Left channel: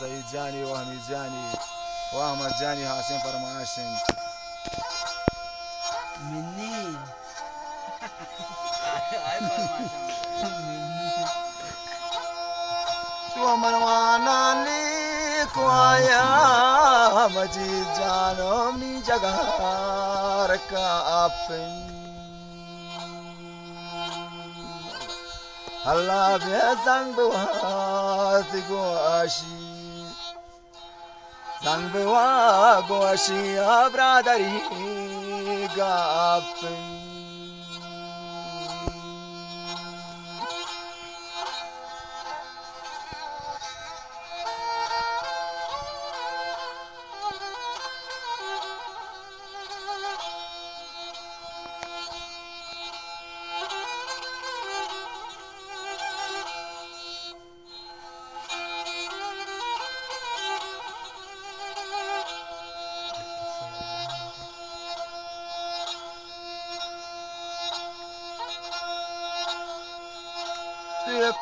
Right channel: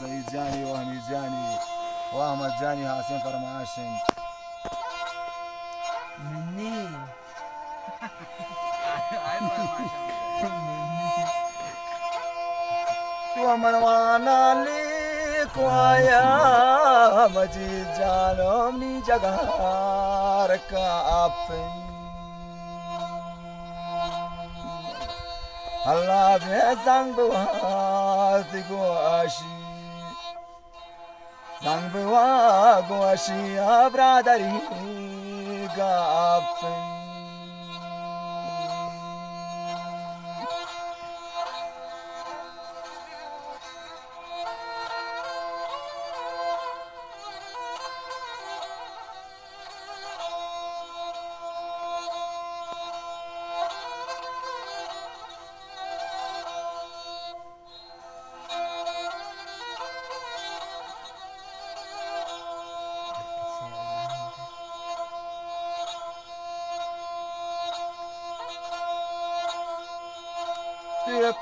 سعيد جاني وهمي جاني واحمد جاني حسين فرماشن مني تو منوانا ليك ويا مجيد جانو مني جغارك أبن Allah be zangbewa goashi abradari gapen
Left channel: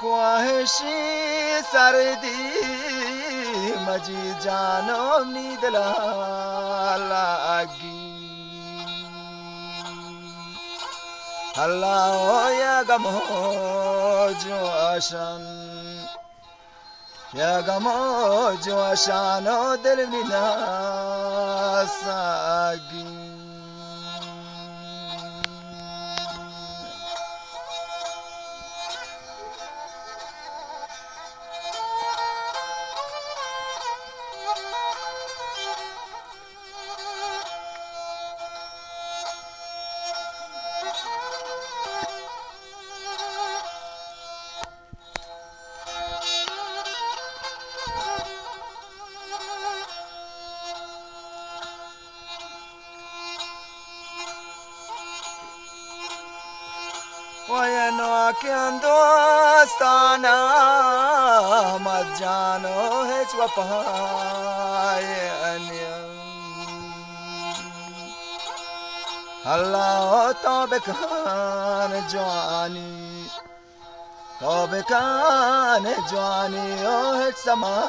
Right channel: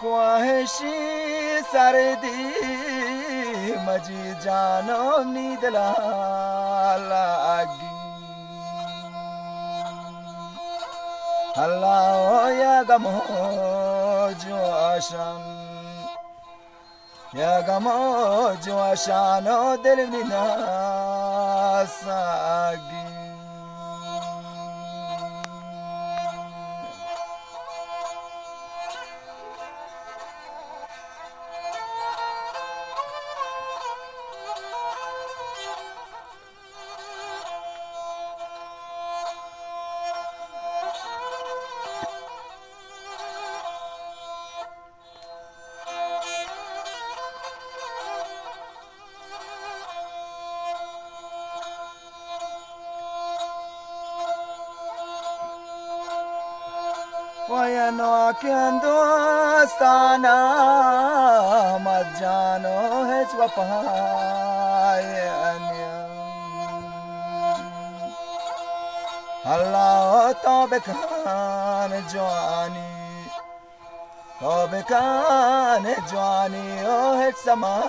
Kwaheshi sardi maji jano nidla lagi Allah ya gamo jo ashan dil mina sagi Wayano Dostana Majano Hechwapaya Allah Tobekan Joani Oh Hetsamai